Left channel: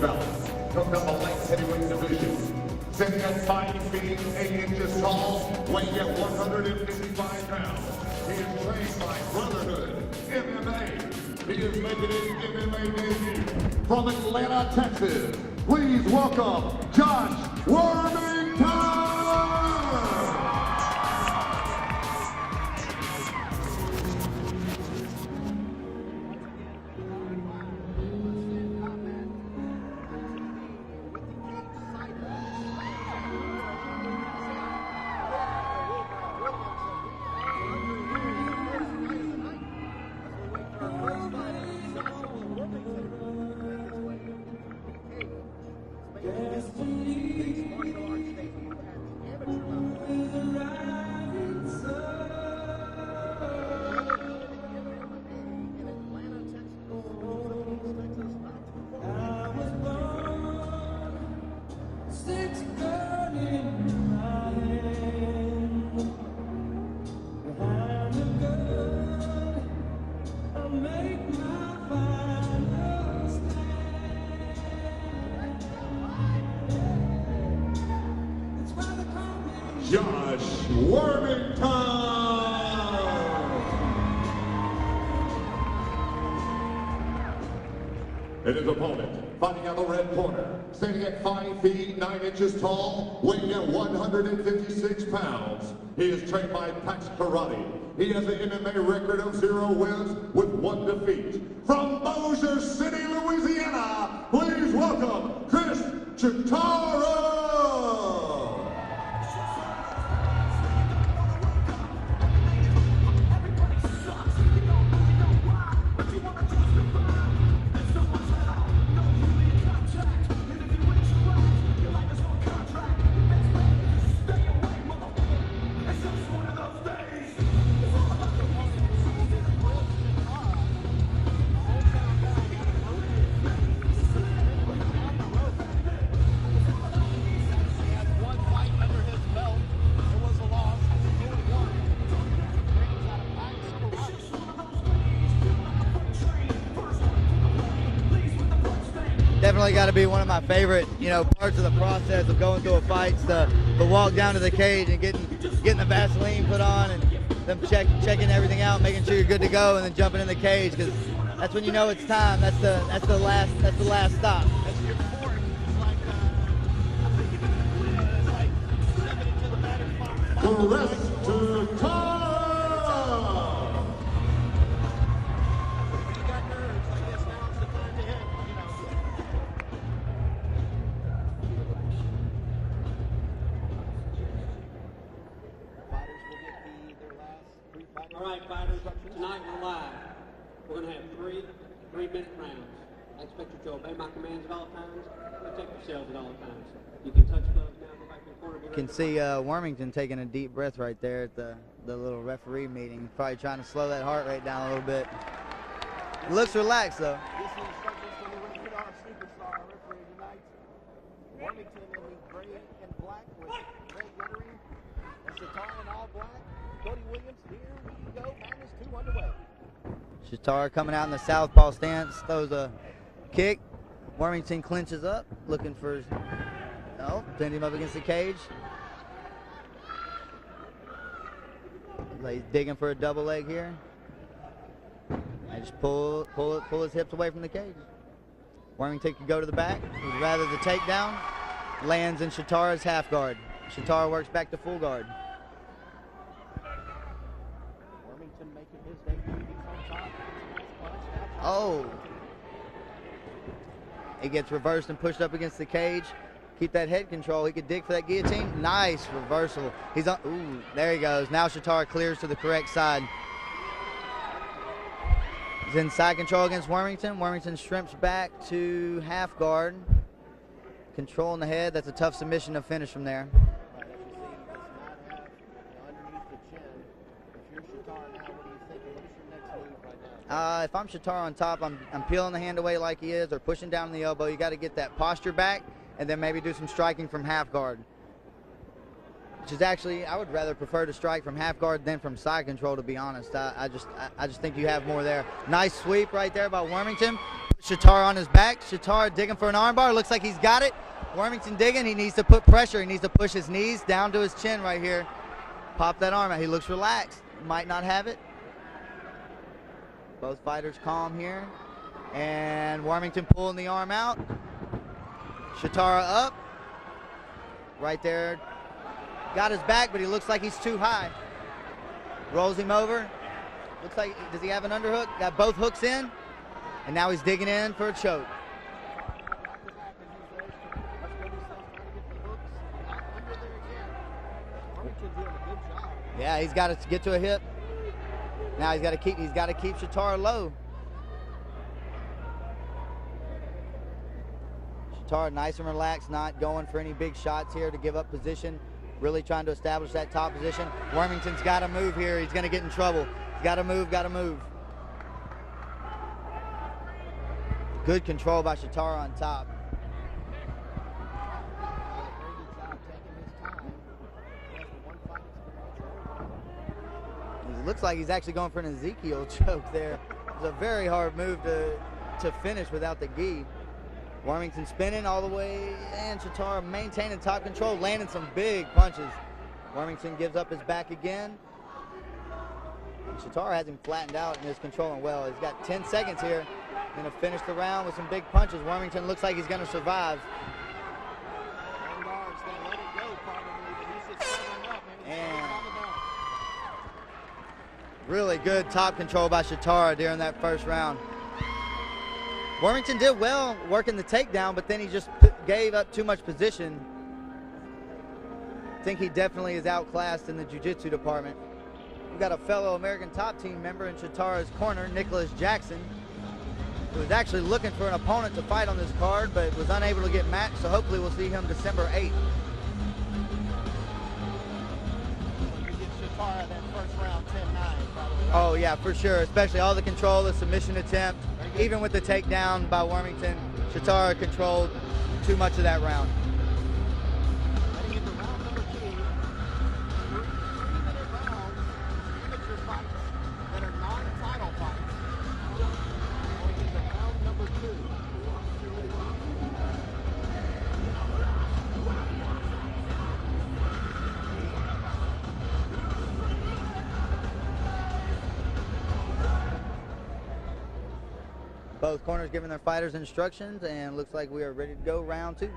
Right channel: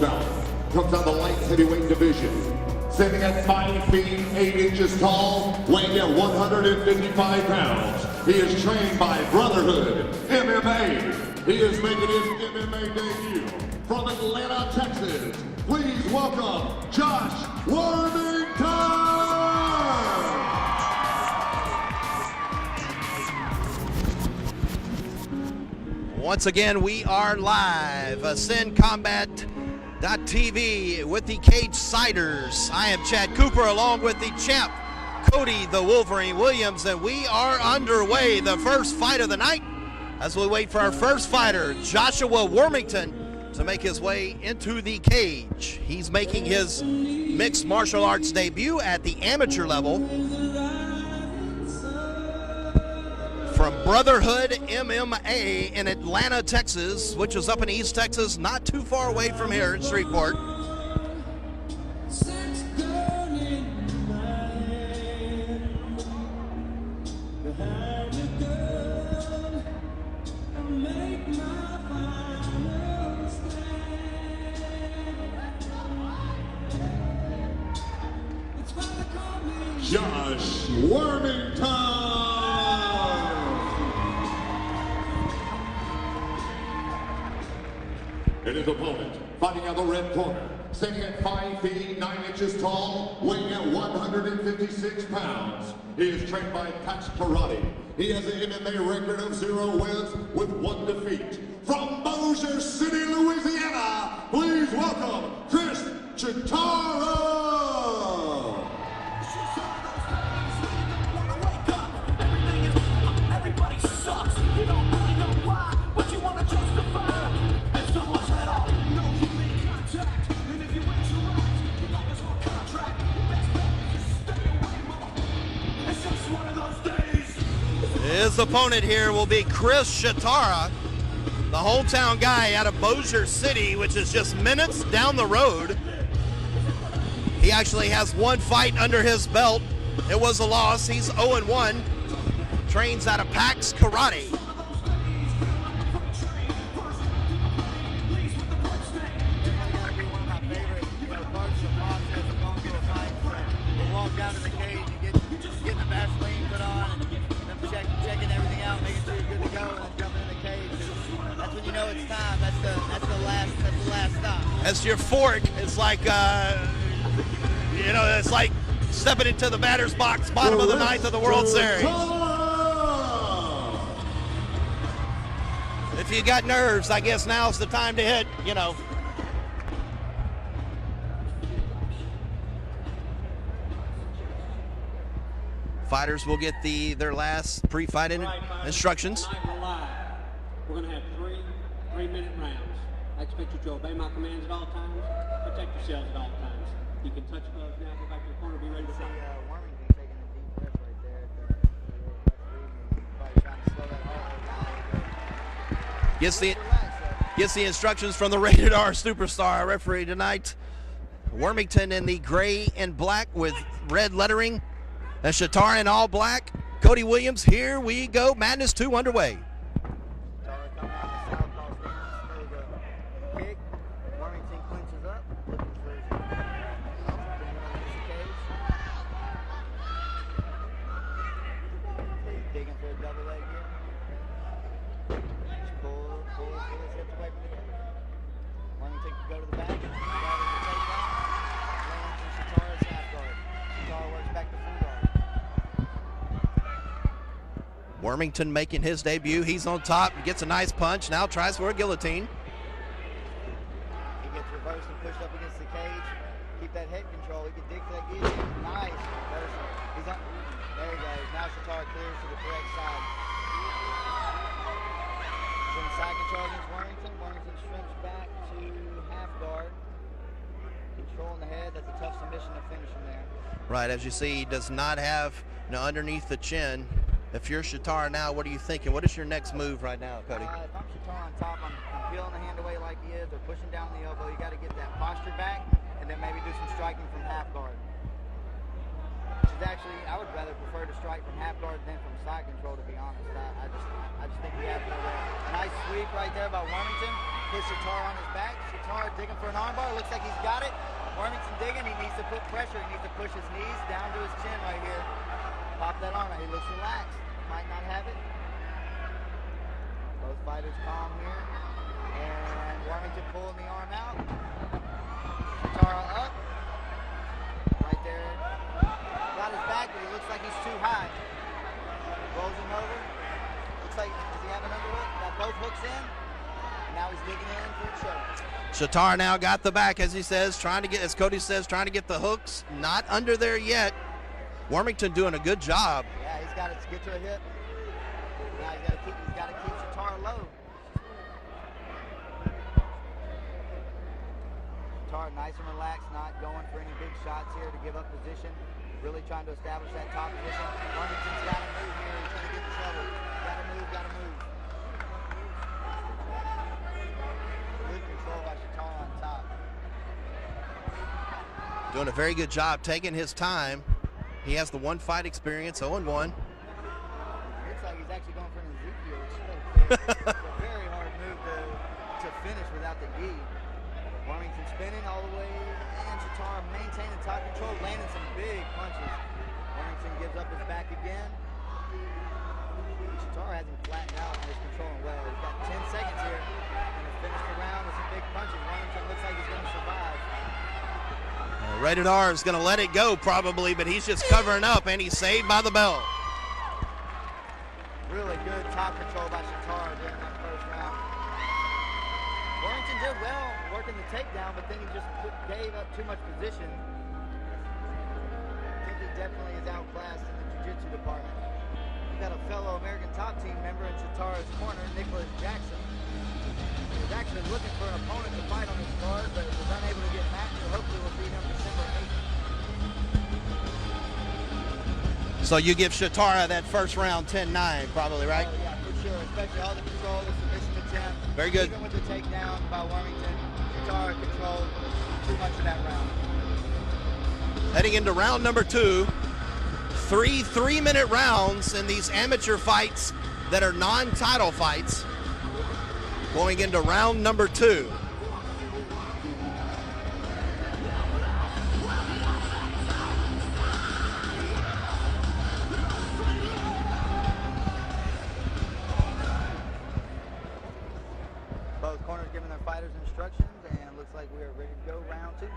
belt. Comes out the light heavyweight division. Standing at 5 feet 8 inches tall, weighing at 155 pounds. He is trained by Brotherhood MMA. He is making his MMA debut from Atlanta, Texas. Please welcome Josh Wormington! Once again, we are live. Ascend Combat.tv with the Cage Siders. I am Chad Cooper along with the champ, Cody the Wolverine Williams, and we are underway. The first fight of the night as we wait for our first fighter, Joshua Wormington, to make his way into the cage. He's making his mixed martial arts debut at the amateur level from Brotherhood MMA in Atlanta, Texas, which is up in East Texas, not too far away from here in Shreveport. Josh Wormington! And his opponent, fighting out the red corner, standing at 5 feet 9 inches tall, weighing at 156 pounds. He is trained by Pax Karate. He has an MMA record of 0 wins with 1 defeat. From Bossier City, Louisiana, please welcome Kris Chatara! His opponent here will be Kris Chatara, the hometown guy out of Bossier City, which is just minutes down the road. He actually has 1 fight under his belt. It was a loss. He's 0-1. Trains out of Pax Karate. Definitely got to be one of my favorite, parts of the process of going through a fight. The walk down to the cage and getting the Vaseline put on and them checking everything out, making sure you're good to go, and then jumping in the cage, because that's when you know it's time. That's the last stop. That's your fork. It's like it's like stepping into the batter's box, bottom of the 9th of the World Series. If you got nerves, I guess now's the time to hit. Fighters will get their last pre-fight instructions. Tonight we're live. We're going to have 3-minute rounds. I expect you to obey my commands at all times. Protect yourselves at all times. You can touch gloves now. Go back to the corner. Be ready. You can see Wormington taking a deep breath right there at the little referee meeting. Probably trying to slow that heart rate down a little bit. Let's relax though. Gets the instructions from the Rated R Superstar, our referee tonight. Wormington in the gray and black with red lettering. And Chatara in all black. Cody Williams, here we go. Madness 2 underway. Chatara coming out in the southpaw stance, throws a kick. Wormington clinches up, looking for, send him up against the cage. He's digging for a double leg here. And just pull his hips away from the cage. Wormington can go to the back. He'd rather the takedown. Lands in Chatara's half guard. Chatara works back to full guard. Wormington making his debut. He's on top, gets a nice punch. Now tries for a guillotine. He gets reversed and pushed up against the cage. Keep that head control. He could dig for that guillotine. Nice reversal. He's on. Ooh, there he goes. Now Chatara clears to the correct side. He's in side control against Wormington. Wormington shrimps back to half guard. Controlling the head. That's a tough submission to finish from there. Right, as you see, he does not have underneath the chin. If you're Chatara now, what are you thinking? What is your next move right now? If I'm Chatara on top, I'm peeling the hand away like he is, or pushing down the elbow. You got to get that posture back, and then maybe do some striking from half guard. which is actually, I would rather prefer to strike from half guard than from side control, to be honest. I just think you have more there. Nice sweep right there by Wormington. Put Chatara on his back. Chatara digging for an armbar. Looks like he's got it. Wormington digging. He needs to put pressure. He needs to push his knees down to his chin right here. Pop that arm out. He looks relaxed. Might not have it. Both fighters calm here. And Wormington pulling the arm out. Chatara up. Right there. Got his back, but he looks like he's too high. Rolls him over. Looks like, does he have an underhook? Got both hooks in. And now he's digging in for a choke. Chatara now got the back, as he says, trying to get, as Cody says, trying to get the hooks. Not under there yet. Wormington doing a good job. Yeah, he's got to get to a hip. Now he's got to keep Chatara low. Chatara nice and relaxed, not going for any big shots here to give up position. Really trying to establish that top position. Wormington's got to move here. He's going to get in trouble. Got to move, got to move. Good control by Chatara on top. Doing a very good job, taking his time. He has the one fight experience, 0-1. It looks like he's actually going for an Ezekiel choke there. It's a very hard move to finish without the gi. Wormington spinning all the way, and Chatara maintaining top control, landing some big punches. Wormington gives up his back again. Chatara has him flattened out and is controlling well. He's got 10 seconds here. Going to finish the round with some big punches. Wormington looks like he's going to survive. Rated R is going to let it go probably, but he's just covering up, and he's saved by the bell. Really good top control by Chatara during that first round. Wormington did well working the takedown, but then he just gave up too much position. I think he definitely is outclassed in the jiu-jitsu department. We've got a fellow American top team member in Chatara's corner, Nicholas Jackson, who was actually looking for an opponent to fight on this card, but was unable to get matched, so hopefully we'll see him December 8th. So you give Chatara that first round 10-9 probably, right? Oh yeah, for sure, especially all the control, the submission attempt. Very good. Even with the takedown by Wormington, Chatara controlled too much of that round. Heading into round number 2, 3 3-minute rounds in these amateur fights that are non-title fights. Going into round number 2. Both corners giving their fighters instructions, and looks like we are ready to go round 2.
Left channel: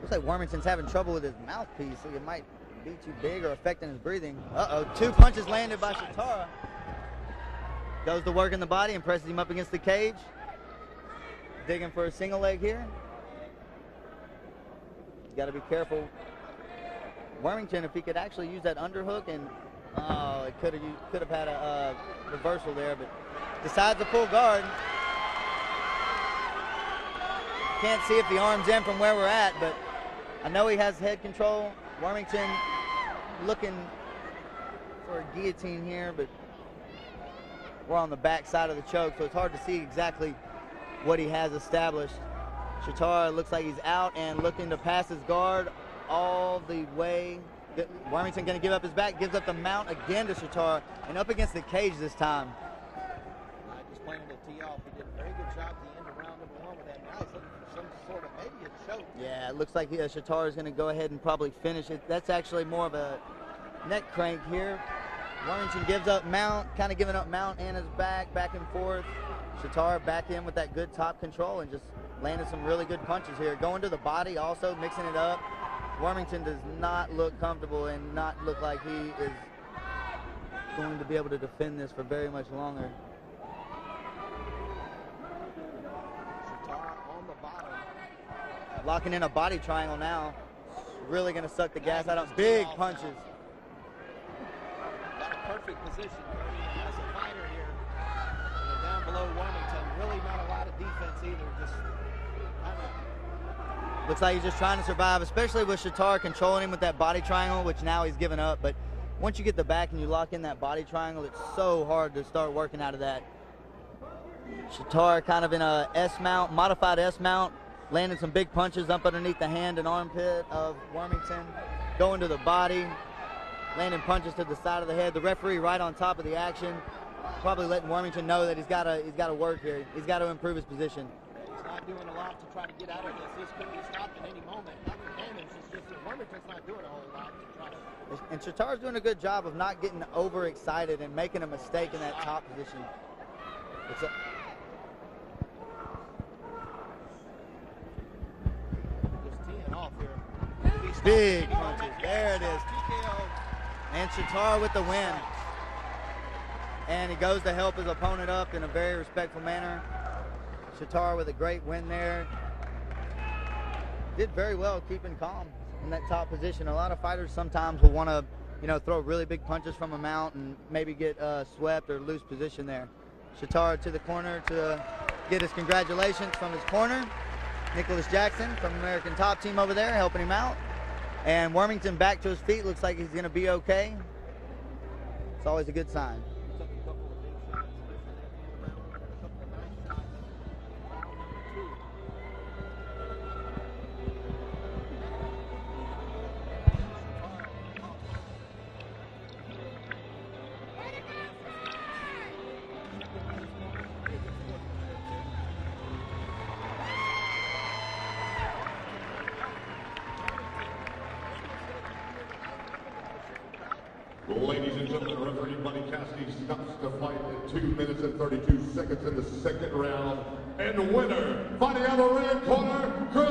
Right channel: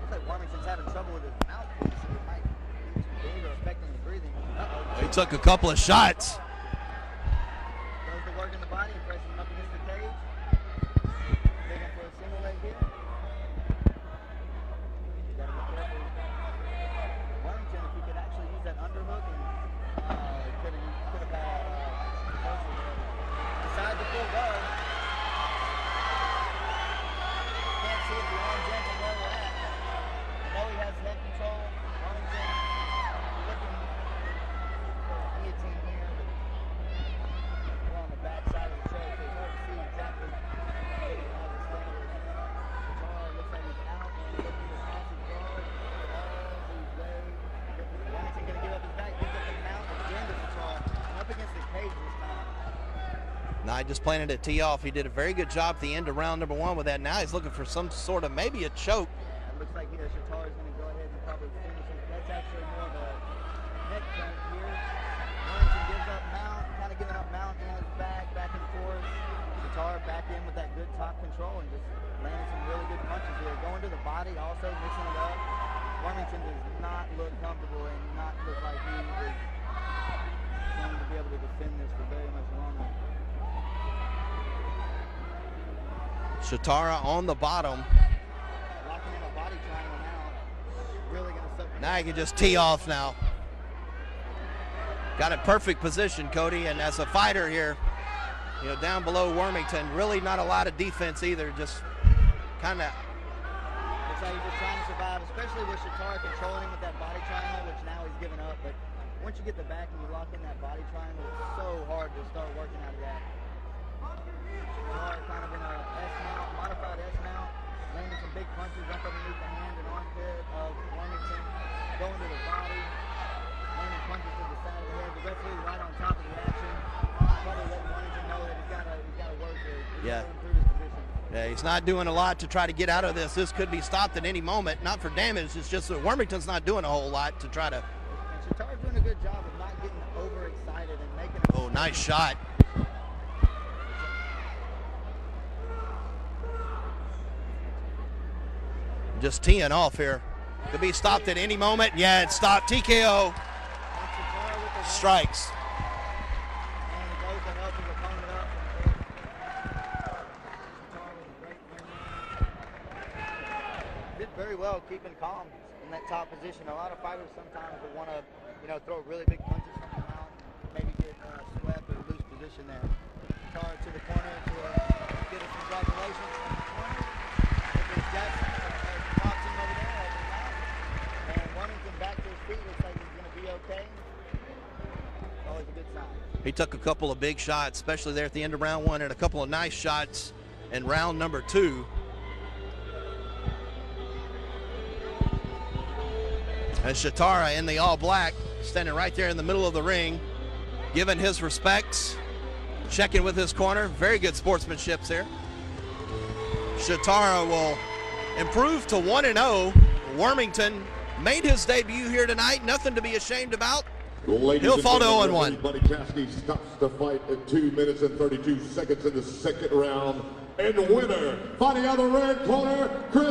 Looks like Wormington's having trouble with his mouthpiece. It might be too big or affecting his breathing. Uh-oh, Took a couple of shots. Goes to work in the body and presses him up against the cage. Digging for a single leg here. You got to be careful. Wormington, if he could actually use that underhook, and it could have had a reversal there, but decides to pull guard. Can't see if the arm's in from where we're at, but I know he has head control. Wormington looking for a guillotine here, but we're on the back side of the choke, so it's hard to see exactly what he has established. Chatara looks like he's out and looking to pass his guard all the way. Wormington going to give up his back, gives up the mount again to Chatara, and up against the cage this time. Now he just planted a tee off. He did a very good job at the end of round number 1 with that. Now he's looking for some sort of maybe a choke. Yeah, it looks like Chatara is going to go ahead and probably finish it. That's actually more of a neck crank here. Wormington gives up mount, kind of giving up mount and his back and forth. Chatara back in with that good top control and just landing some really good punches here. Going to the body also, mixing it up. Wormington does not look comfortable and not look like he is going to be able to defend this for very much longer. Chatara on the bottom. Locking in a body triangle now. Really going to suck the gas Now out he can of just big tee off punches. now. Got a perfect position, Cody, and as a fighter here, down below Wormington, really not a lot of defense either, just kind of. Looks like he's just trying to survive, especially with Chatara controlling him with that body triangle, which now he's given up. But once you get the back and you lock in that body triangle, it's so hard to start working out of that. Chatara kind of in a S-mount, modified S-mount, landing some big punches up underneath the hand and armpit of Wormington, going to the body, landing punches to the side of the head. The referee right on top of the action, probably letting Wormington know that he's got to work here. He's got to improve his position. Yeah, he's not doing a lot to try to get out of this. This could be stopped at any moment, not for damage. It's just that Wormington's not doing a whole lot to try to. And Chatara's doing a good job of not getting overexcited and making a mistake. Oh, nice shot. Just teeing off here. Could be stopped at any moment. Yeah, it's stopped. TKO. And Chatara with the win. Strikes. And he goes to help his opponent up in a very respectful manner. Chatara with a great win there. Did very well keeping calm in that top position. A lot of fighters sometimes will want to, throw really big punches from a mount and maybe get swept or lose position there. Chatara to the corner to get his congratulations from his corner. Nicholas Jackson from American Top Team over there helping him out. And Wormington back to his feet. Looks like he's going to be okay. It's always a good sign. He took a couple of big shots, especially there at the end of round 1, and a couple of nice shots in round number 2. And Chatara in the all black, standing right there in the middle of the ring, giving his respects, checking with his corner. Very good sportsmanship there. Chatara will improve to 1-0. Wormington made his debut here tonight. Nothing to be ashamed about. He'll fall to 0-1. Buddy Cassidy stops the fight at 2 minutes and 32 seconds in the second round. And winner, fighting out of the red corner, Kris.